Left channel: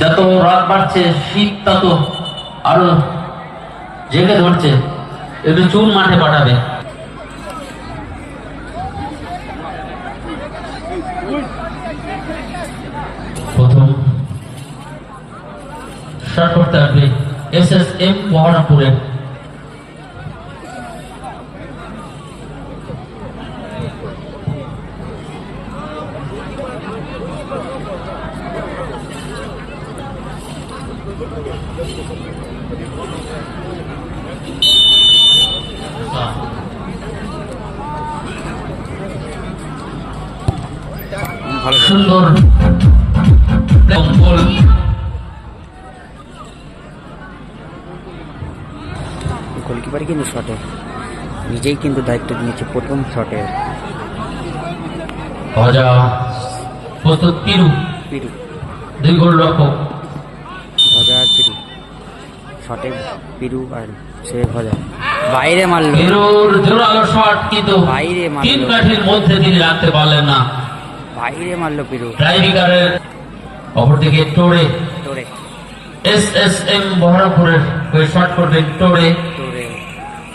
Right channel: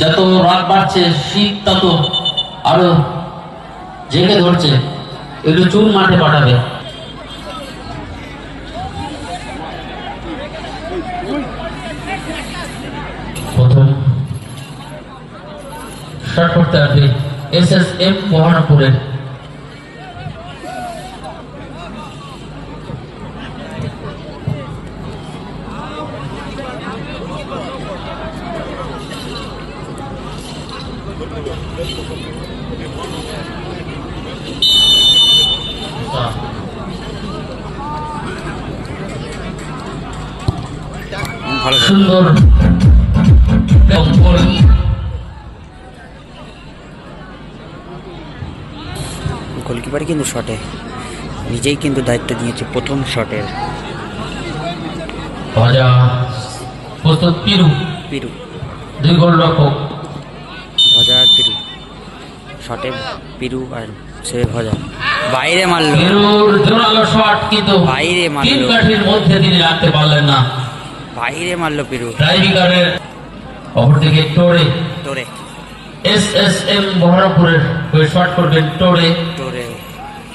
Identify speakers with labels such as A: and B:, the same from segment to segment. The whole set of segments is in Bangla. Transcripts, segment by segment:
A: যত রাত বাড়ছে, শীত তত আরও জেগে ধরছে। একটু চুন মাঠে পাঠাবে। করতে হবে এস এস এম মহারামপুরের সুন্দর।
B: গোলকিপার কিন্তু শটে। নিজেই কিন্তু দায়িত্ব নিয়েছে প্রথম শটের
A: পিরু।
B: পিরু।
A: দুই গোল রক্ষক।
B: ভজা আর পিরু। শটে পিরু আর সেভ ভজা। বাইরে মারলো। বাইরে মারলো। বাইরে মারলো পিরু।
A: অপরদিকে টোরে।
B: তোরে
A: এস এস এম বহরামপুরের হয়ে শট করবেন টোরে।
B: তোরে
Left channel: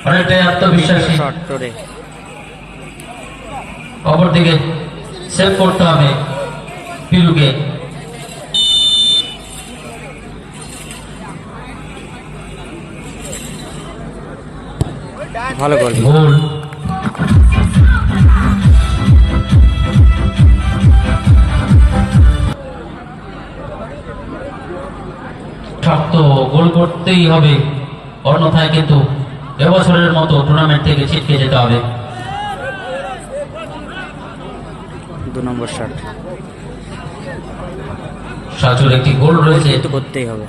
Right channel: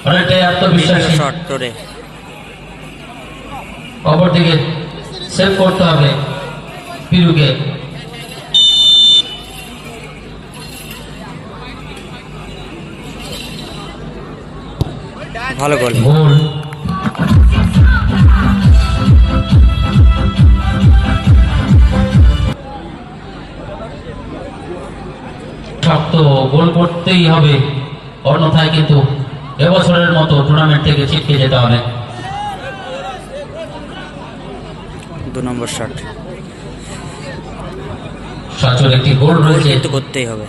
A: অনেকটাই আত্মবিশ্বাসী।
B: শট তোরে
A: অপরদিকে সেভ করতে হবে পিরুকে।
B: ভালো গোল
A: গোল শক্ত গোল করতেই হবে। অন্যথায় কিন্তু এবছরের মতো টুর্নামেন্ট থেকে ছিটকে যেতে হবে।
B: দু নম্বর শট
A: সাচুর একটি গোল রয়েছে।
B: করতেই হবে।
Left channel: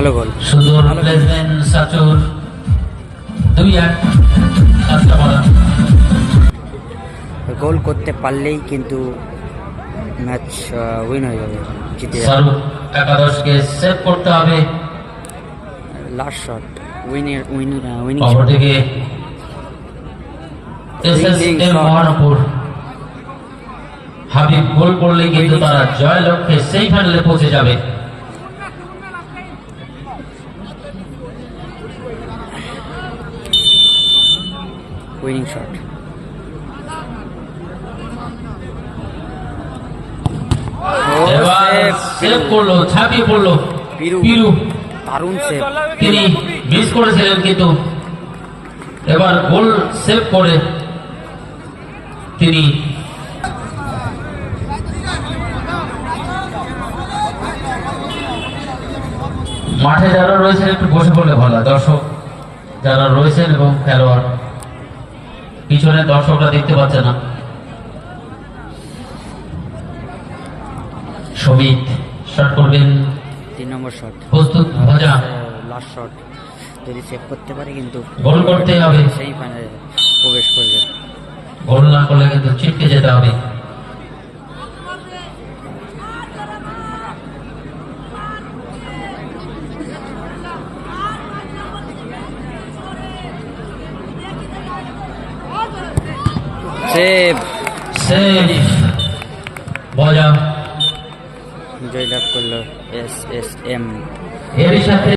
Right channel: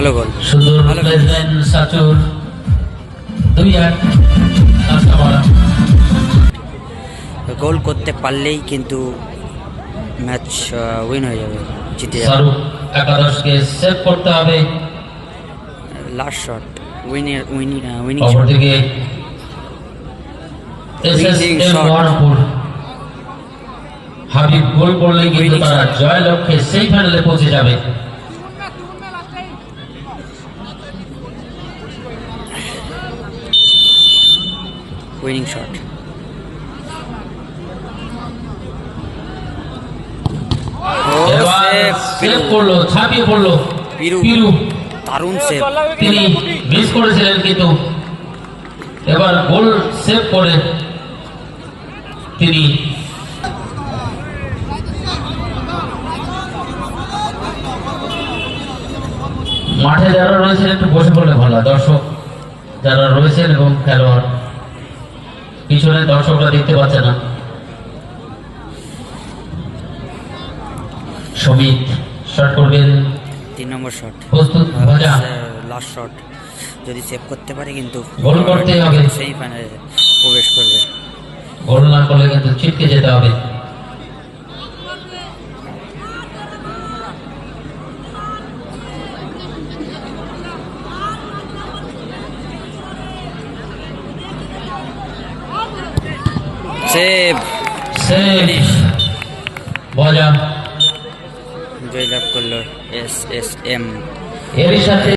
B: ভালো গোল ভালো গোল করতে পারলেই কিন্তু ম্যাচ উইন হয়ে যাবে জিতে যাবে।
A: একাদশকে সেভ করতে হবে।
B: Last shot উইনের winning winning.
A: Mahanpur. Habib goal করলে কিন্তু তারা জয় লক্ষ্যে সেই ফাইনালে পৌঁছে যাবে।
B: Winning shot Piru.
A: পিরু।
B: দারুণ সেভ
A: তিনি মিস করেছিলেন কিন্তু। এবার গোল সেভ করে তিনি মাঠে যারা রয়েছেন একটু বসে পড়লে ভালো দর্শক যারা রয়েছেন এবং খেলোয়াড় পিছনে দর্শকরা দেখতে পাচ্ছে না। সমিত শট করবেন।
B: তিন নম্বর শট
A: প্রস্তুত
B: লাস্ট শট যদি সেভ করতে পারে কিন্তু
A: গোল করতে হবে।
B: সেমিফাইনালে প্রবেশ করবে।
A: গোল না করলে কিন্তু ছিটকে যেতে হবে।
B: সেভ
A: সেভ বজা
B: জয়লাভ করল এস এস এম
A: এর সাথে